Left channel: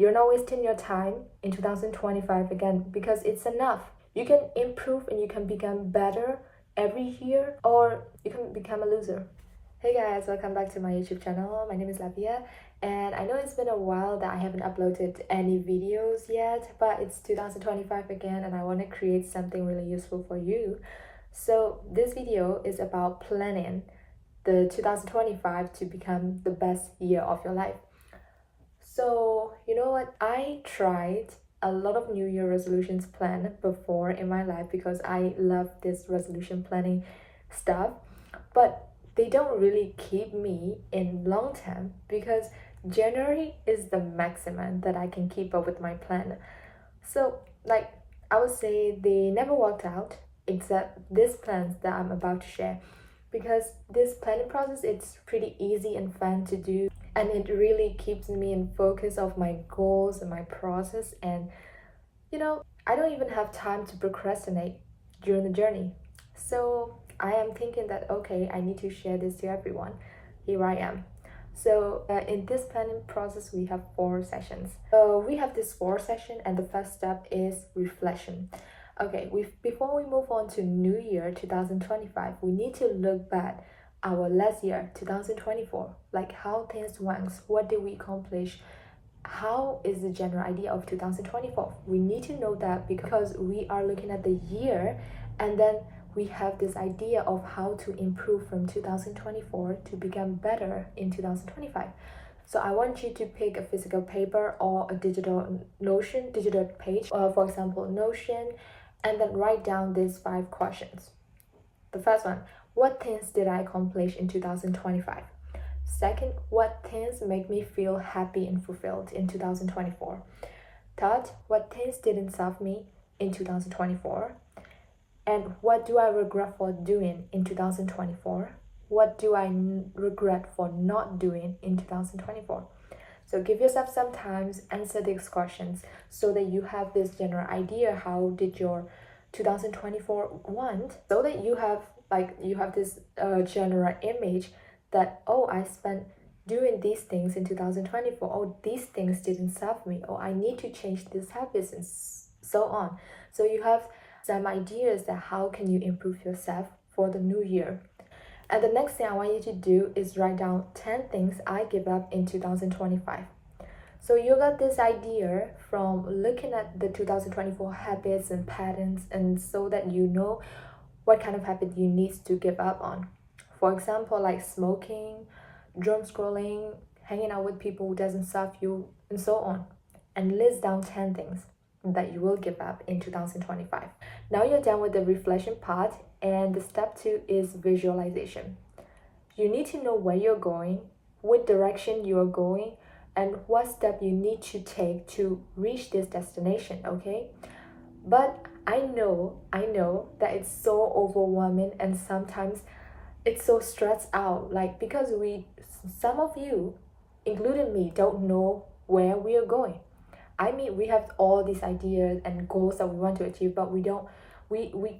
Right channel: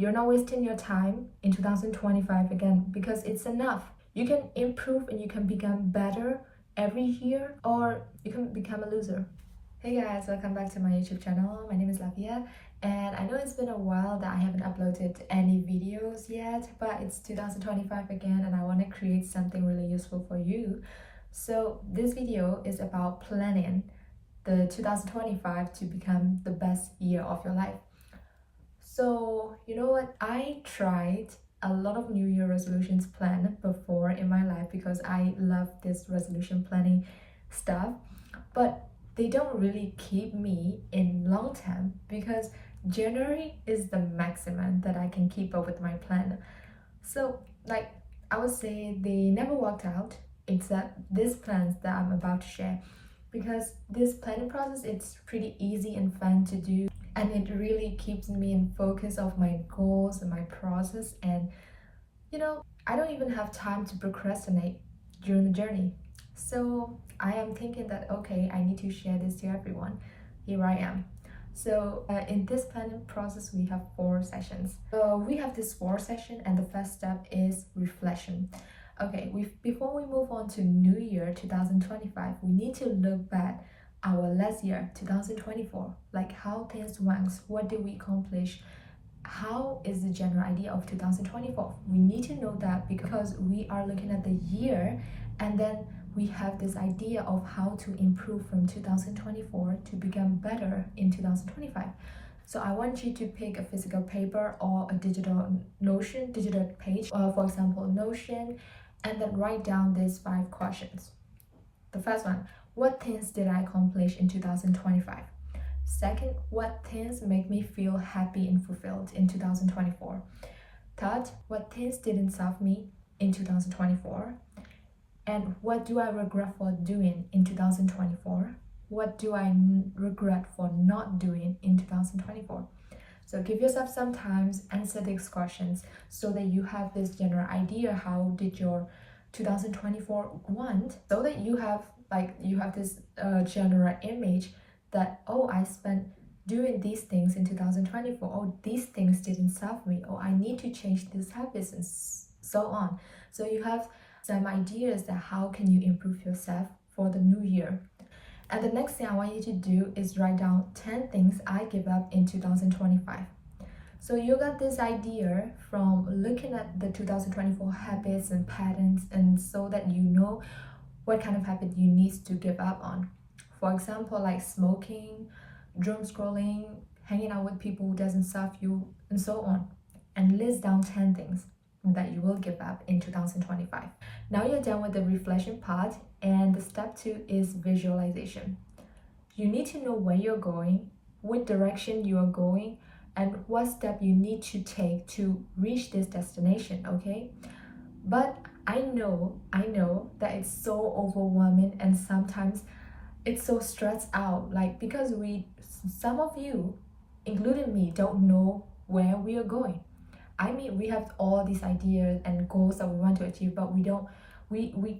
You're not wasting your time in 2025 again because it's enough. You can improve and you can become better every year, or you can become a loser. Hey guys, welcome back to my YouTube channel. My name is Lavia, and I know it's been a while that I haven't uploaded any videos yet, but it's 2025 again and I want to create something really useful for you. So this video is about planning the 2025 to become the best year of your life. So you know what, I tried a lot of New Year resolutions plan before in my life because I love this resolution planning stuff, but they don't really keep me in long term because January is the maximum that I can keep up with my plan. So like I would say they never worked out except these plans that I'm about to share, because this planning process, it's pretty easy and fun to do, and it really keeps me in focus of my goals and my process. And I don't even have time to procrastinate during the journey. So I am thinking that okay, I need to share this to everyone. Here I am. So in this planning process, we have 4 sessions. We have this 4 session, and the first step is reflection. Okay, before we move on to New Year 2025, we need to look back our last year 2024, like how things went, what did we accomplish, how is the general idea of 2024. We need to know that because we are looking at the year, and then we have this idea of how to improve from 2024 to become better in 2025. So I want you to pick a physical paper or a digital digital page, for example Notion, and then write down these 5 questions. The first one: what things did I accomplish in 2025? Second, what things make me feel happy and fulfilled in 2024? Third, what things didn't serve me in 2024? And what do I regret for doing in 2024? What do I regret for not doing in 2024? So give yourself some time, answer these questions so that you have this general idea how did your 2024 went, so that you have this general image that, oh, I spent doing these things in 2024, oh, these things didn't serve me, oh, I need to change these habits, and so on. So you have some ideas that how can you improve yourself for the new year. And the next thing I want you to do is write down 10 things I give up in 2025. So you got this idea from looking at the 2024 habits and patterns, and so that you know what kind of habit you need to give up on. For example, like smoking, doom scrolling, hanging out with people who doesn't serve you, and so on. And list down 10 things that you will give up in 2025. Now you're done with the reflection part, and the step 2 is visualization. You need to know where you're going, what direction you are going, and what step you need to take to reach this destination, okay? But I know that it's so overwhelming, and sometimes it's so stressed out, like because some of you, including me, don't know where we are going. I mean, we have all these ideas and goals that we want to achieve, but we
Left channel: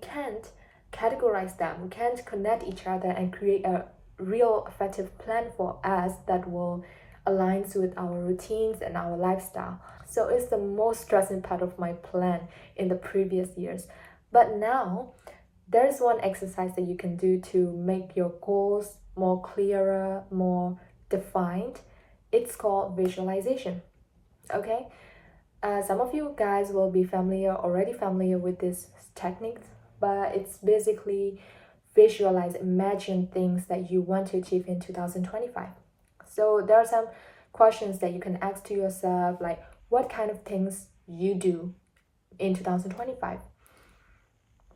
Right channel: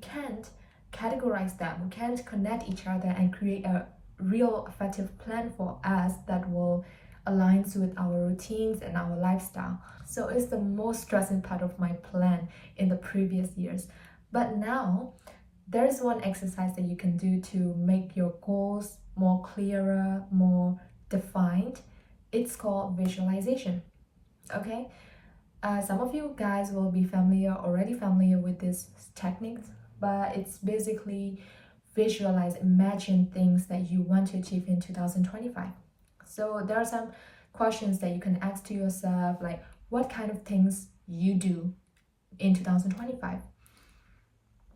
can't categorize them. We can't connect each other and create a real effective plan for us that will align with our routines and our lifestyle. So it's the most stressing part of my plan in the previous years. But now there's one exercise that you can do to make your goals more clearer, more defined. It's called visualization. Okay, some of you guys will be already familiar with this technique, but it's basically imagine things that you want to achieve in 2025. So there are some questions that you can ask to yourself, like what kind of things you do in 2025,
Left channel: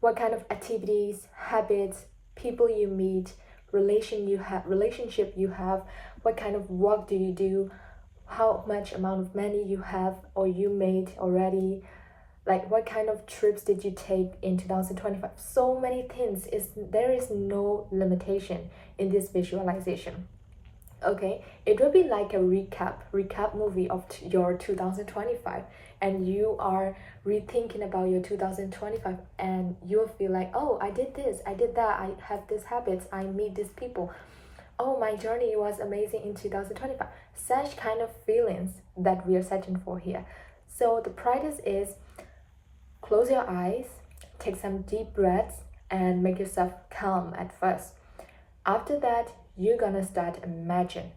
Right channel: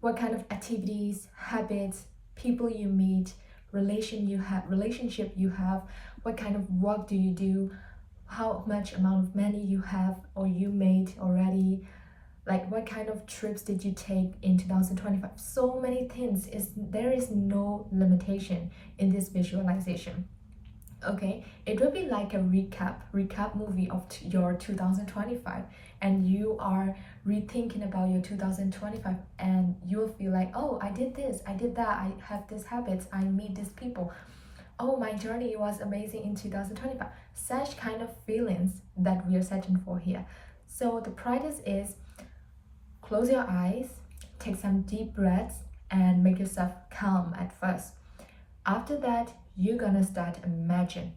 what kind of activities, habits, people you meet, relationship you have, what kind of work do you do, how much amount of money you have or you made already, like what kind of trips did you take in 2025. So many things. There is no limitation in this visualization. Okay, it will be like a recap movie of your 2025, and you are rethinking about your 2025, and you'll feel like, oh, I did this, I did that, I have these habits, I meet these people. oh, my journey was amazing in 2025. Such kind of feelings that we are searching for here. So the practice is close your eyes, take some deep breaths, and make yourself calm at first. After that, you're gonna start imagine,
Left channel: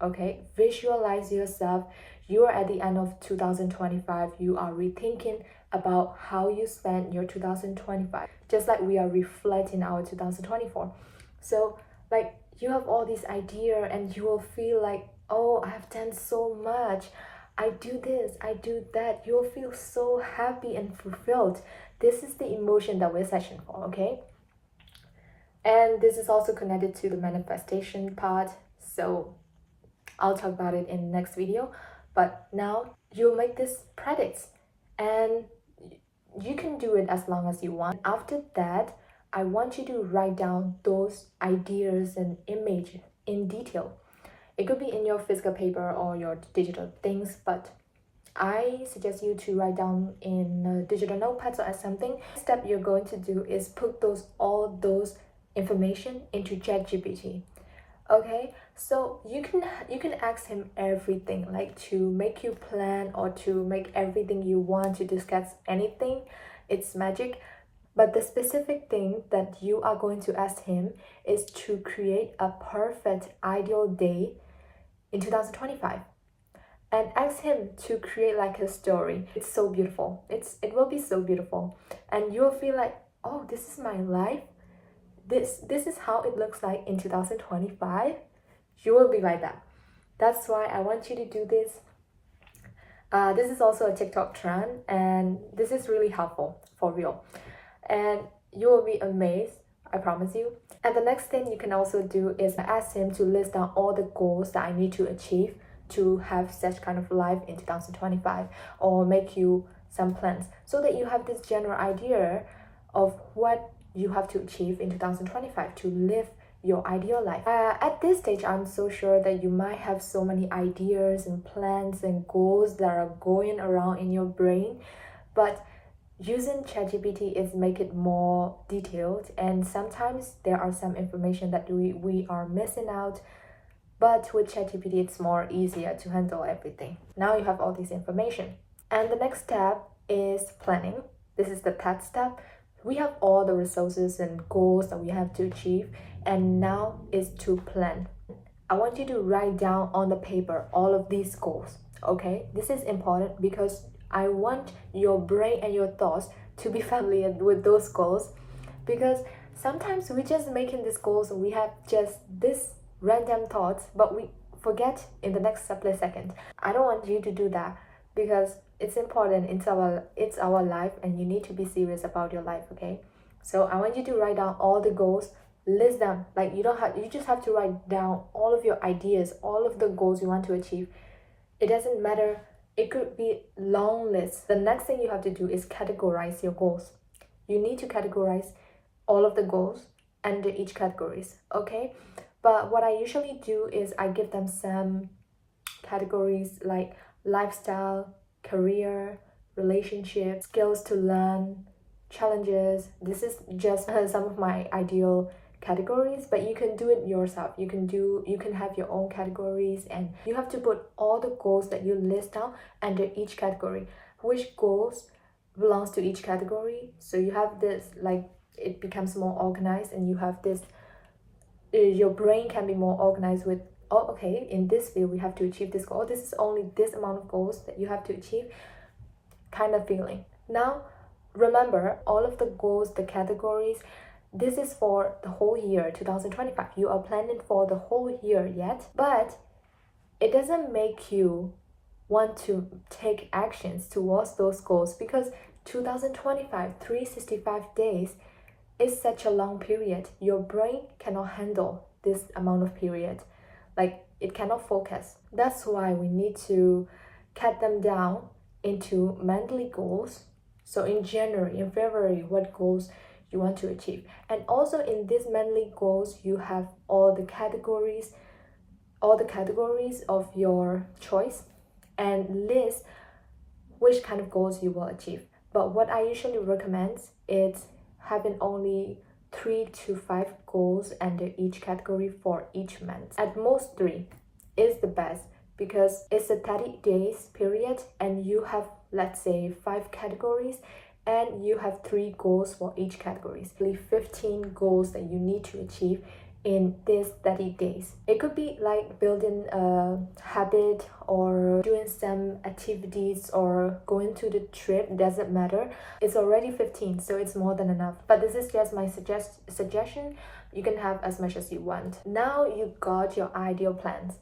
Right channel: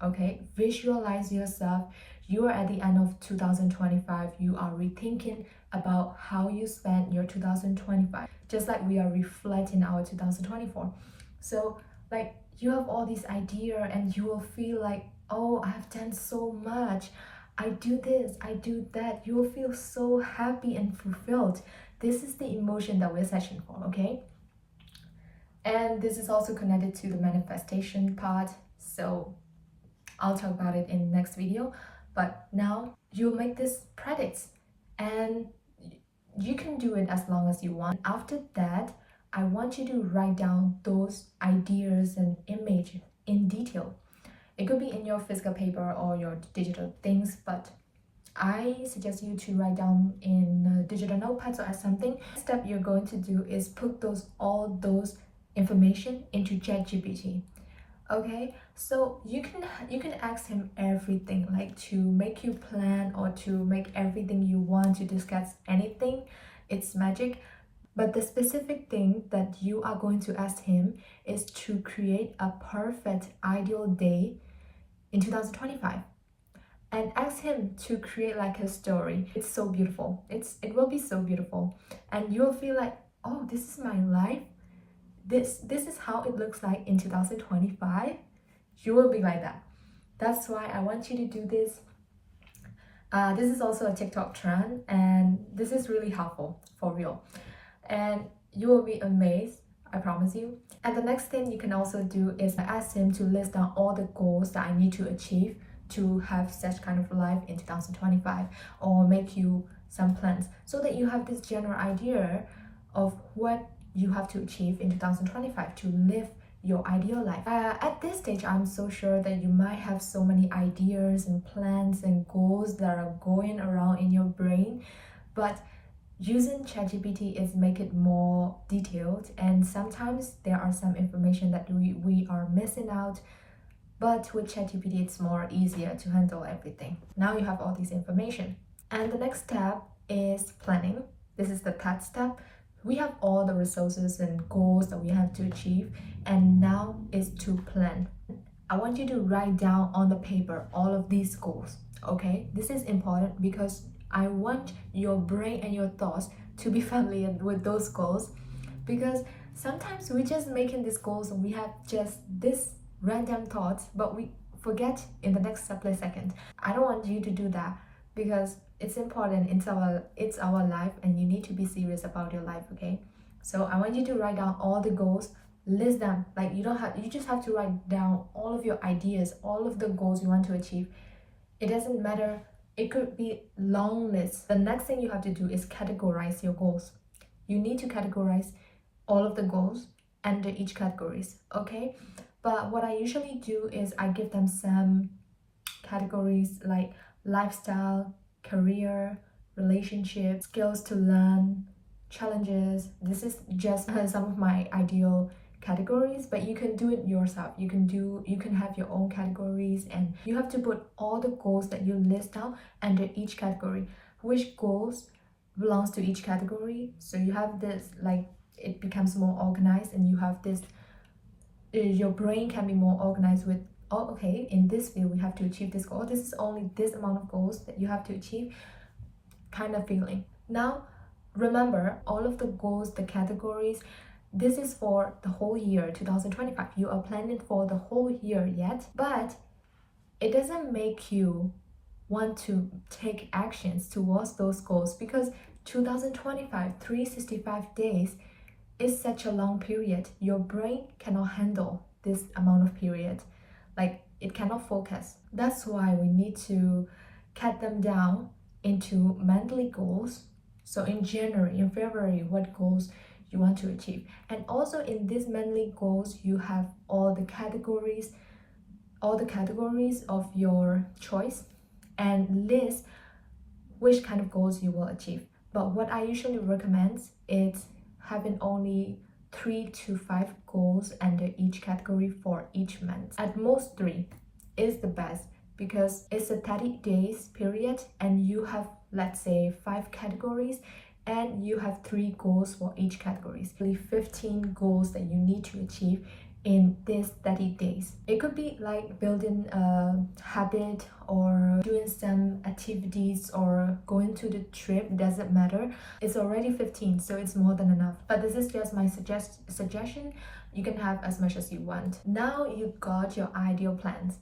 okay? Visualize yourself. You are at the end of 2025. You are rethinking about how you spent your 2025, just like we are reflecting our 2024. So like you have all these ideas and you will feel like, oh, I have done so much, I do this, I do that. You'll feel so happy and fulfilled. This is the emotion that we're searching for, okay? And this is also connected to the manifestation part, so I'll talk about it in the next video. But now you'll make this practice and you can do it as long as you want. After that, I want you to write down those ideas and images in detail. It could be in your physical paper or your digital things, but I suggest you to write down in digital notepads or something. The step you're going to do is put all those information into ChatGPT. Okay, so you can ask him everything, like to make you plan or to make everything you want, to discuss anything. It's magic. But the specific thing that you are going to ask him is to create a perfect ideal day in 2025, and ask him to create like a story. It's so beautiful. It will be so beautiful, and you'll feel like, oh, this is my life. This is how it looks like in 2025. You will be like that. That's why I want you to do this. This is also a TikTok trend, and this is really helpful for real. And you will be amazed, I promise you. And the next thing you can also do is ask him to list down all the goals that I need to achieve to have such kind of life in 2025, or make you some plans so that you have this general idea of what you have to achieve in 2025 to live your ideal life. At this stage, I'm so sure that you might have so many ideas and plans and goals that are going around in your brain, but using ChatGPT is make it more detailed, and sometimes there are some information that we are missing out. But with ChatGPT, it's more easier to handle everything. Now you have all this information. And the next step is planning. This is the third step. We have all the resources and goals that we have to achieve, and now is to plan. I want you to write down on the paper all of these goals, okay? This is important because I want your brain and your thoughts to be familiar with those goals, because sometimes we just making these goals and we have just this random thoughts, but we forget in the next split second. I don't want you to do that, because it's important. It's our life, and you need to be serious about your life, okay? So I want you to write down all the goals, list them. Like you just have to write down all of your ideas, all of the goals you want to achieve. It doesn't matter. It could be long list. The next thing you have to do is categorize your goals. You need to categorize all of the goals under each categories, okay? But what I usually do is I give them some categories like lifestyle, career, relationship, skills to learn, challenges. This is just some of my ideal categories, but you can do it yourself. You can have your own categories, and you have to put all the goals that you list down under each category. Which goals belongs to each category, so you have this, like it becomes more organized, and you have this, your brain can be more organized with, oh, okay, in this field we have to achieve this goal. This is only this amount of goals that you have to achieve, kind of feeling. Now remember, all of the goals, the categories, this is for the whole year 2025. You are planning for the whole year yet, but it doesn't make you want to take actions towards those goals, because 2025, 365 days is such a long period. Your brain cannot handle this amount of period. Like it cannot focus. That's why we need to cut them down into monthly goals. So in January, in February, what goals you want to achieve. And also in these monthly goals, you have all the categories of your choice, and list which kind of goals you will achieve. But what I usually recommend is having only 3 to 5 goals under each category for each month. At most 3 is the best because it's a 30 days period and you have, let's say, 5 categories and you have 3 goals for each category. 15 goals that you need to achieve in these 30 days. It could be like building a habit or doing some activities or going to the trip, doesn't matter. It's already 15, so it's more than enough. But this is just my suggestion. You can have as much as you want. Now you got your ideal plans.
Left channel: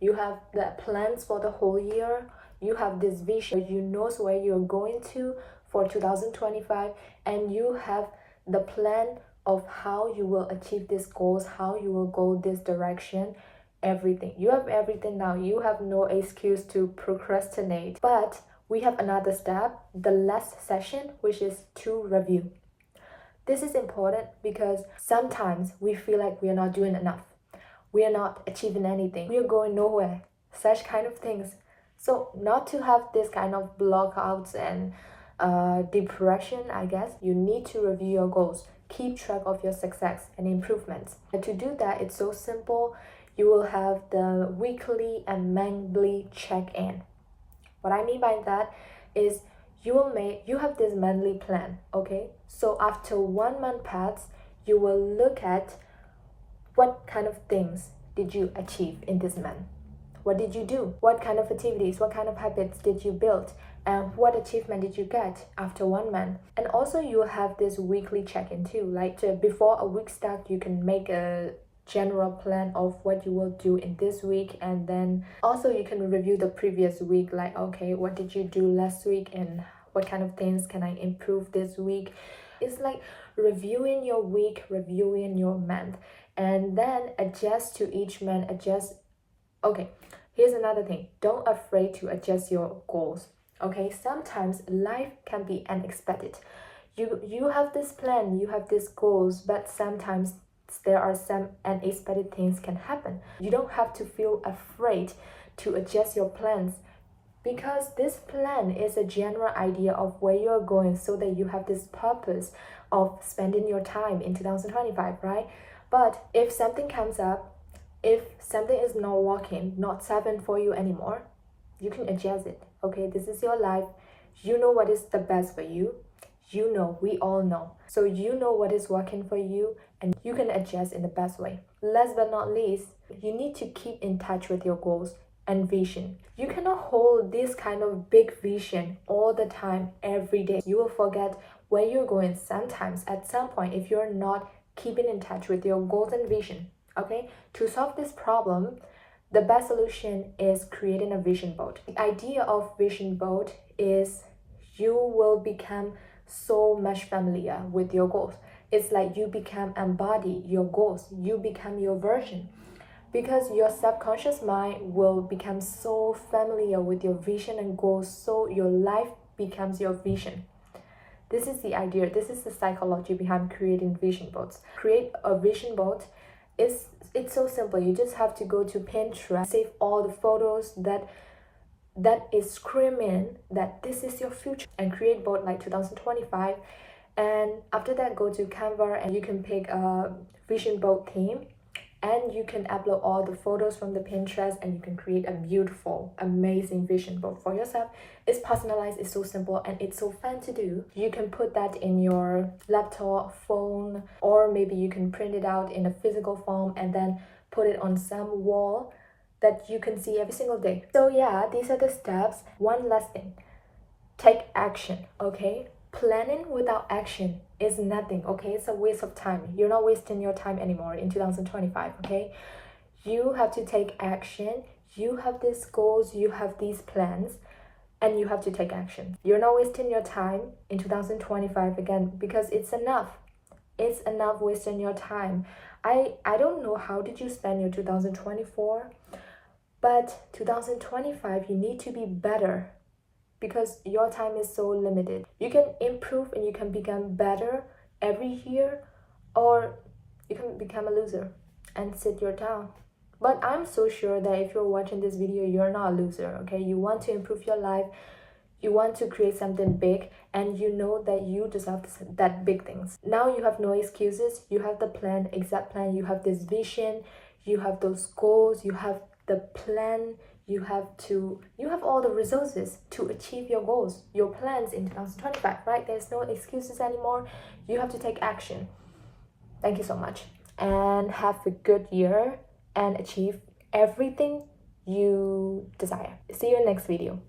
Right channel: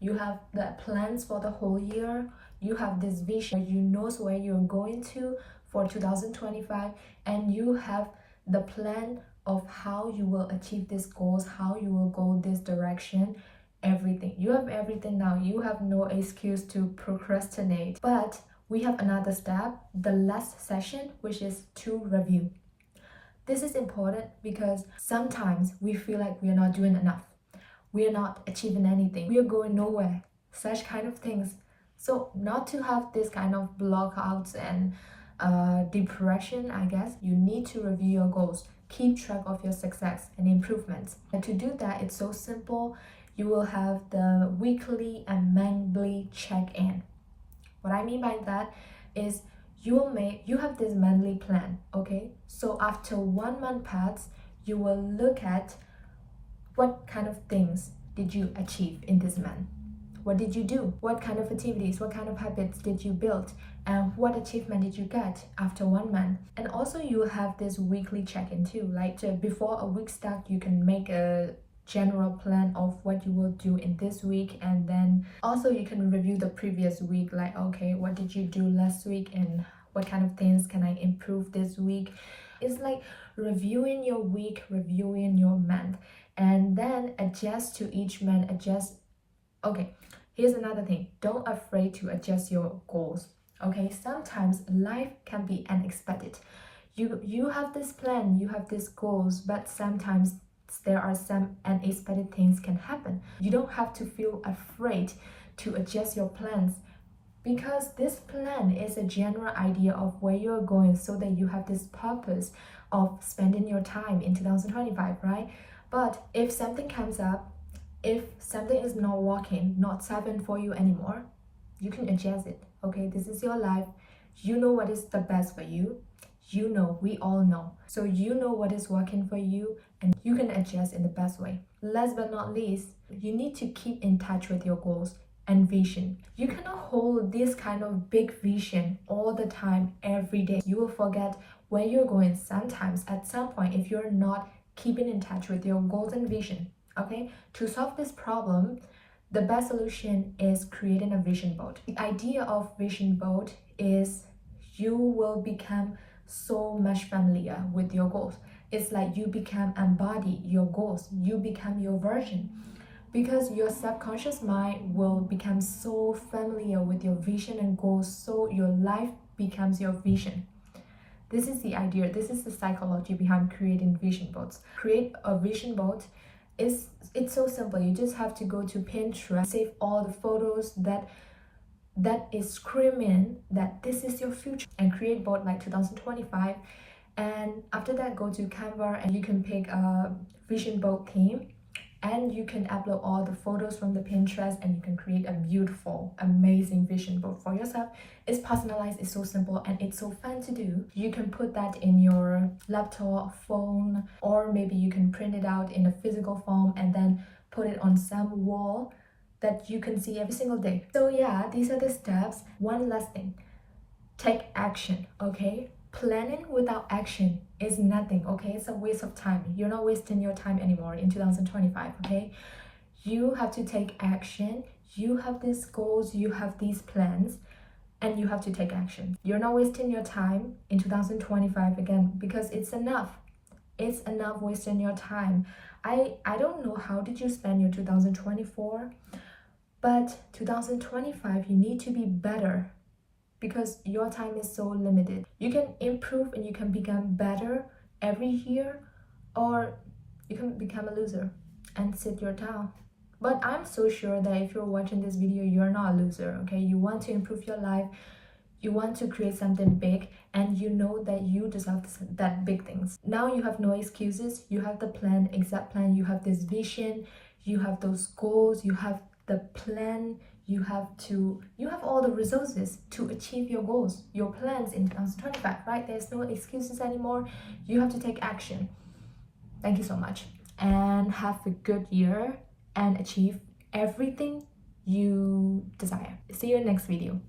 You have the plans for the whole year. You have this vision. You know where you're going to for 2025, and you have the plan of how you will achieve these goals, how you will go this direction, everything. You have everything now. You have no excuse to procrastinate. But we have another step, the last session, which is to review. This is important because sometimes we feel like we are not doing enough. We are not achieving anything. We are going nowhere. Such kind of things. So not to have this kind of blockouts and depression, I guess, you need to review your goals. Keep track of your success and improvements. And to do that, it's so simple. You will have the weekly and monthly check-in. What I mean by that is you have this monthly plan, okay? So after 1 month passes, you will look at what kind of things did you achieve in this month. What did you do? What kind of activities, what kind of habits did you build? And what achievement did you get after 1 month? And also you have this weekly check-in too. Like before a week start, you can make a general plan of what you will do in this week, and then also you can review the previous week, like, okay, what did you do last week and what kind of things can I improve this week? It's like reviewing your week, reviewing your month, and then adjust to each month, okay. Here's another thing, don't afraid to adjust your goals, okay? Sometimes life can be unexpected. You have this plan, you have these goals, but sometimes there are some unexpected things can happen. You don't have to feel afraid to adjust your plans because this plan is a general idea of where you're going so that you have this purpose of spending your time in 2025, right? But if something comes up, if something is not working, not serving for you anymore, you can adjust it, okay? This is your life. You know what is the best for you. You know, we all know. So you know what is working for you and you can adjust in the best way. Last but not least, you need to keep in touch with your goals and vision. You cannot hold this kind of big vision all the time, every day. You will forget where you're going sometimes at some point if you're not keeping in touch with your goals and vision. Okay, to solve this problem, the best solution is creating a vision board. The idea of vision board is you will become so much familiar with your goals. It's like you embody your goals. You become your version because your subconscious mind will become so familiar with your vision and goals, so your life becomes your vision. This is the idea. This is the psychology behind creating vision boards. Create a vision board. It's so simple. You just have to go to Pinterest, save all the photos that is screaming that this is your future, and create board like 2025. And after that, go to Canva and you can pick a vision board theme, and you can upload all the photos from the Pinterest and you can create a beautiful, amazing vision board for yourself. It's personalized, it's so simple, and it's so fun to do. You can put that in your laptop, phone, or maybe you can print it out in a physical form and then put it on some wall that you can see every single day. So yeah, these are the steps. One last thing, take action, okay? Planning without action is nothing, okay? It's a waste of time. You're not wasting your time anymore in 2025, okay? You have to take action. You have these goals, you have these plans, and you have to take action. You're not wasting your time in 2025 again because it's enough. It's enough wasting your time. I don't know how did you spend your 2024, but 2025 you need to be better because your time is so limited. You can improve and you can become better every year, or you can become a loser and sit your down. But I'm so sure that if you're watching this video, you're not a loser, okay? You want to improve your life. You want to create something big, and you know that you deserve that big things. Now you have no excuses. You have the plan, exact plan. You have this vision. You have those goals. You have the plan. You have all the resources to achieve your goals, your plans in 2025, right? There's no excuses anymore. You have to take action. Thank you so much, and have a good year and achieve everything you desire. See you in the next video.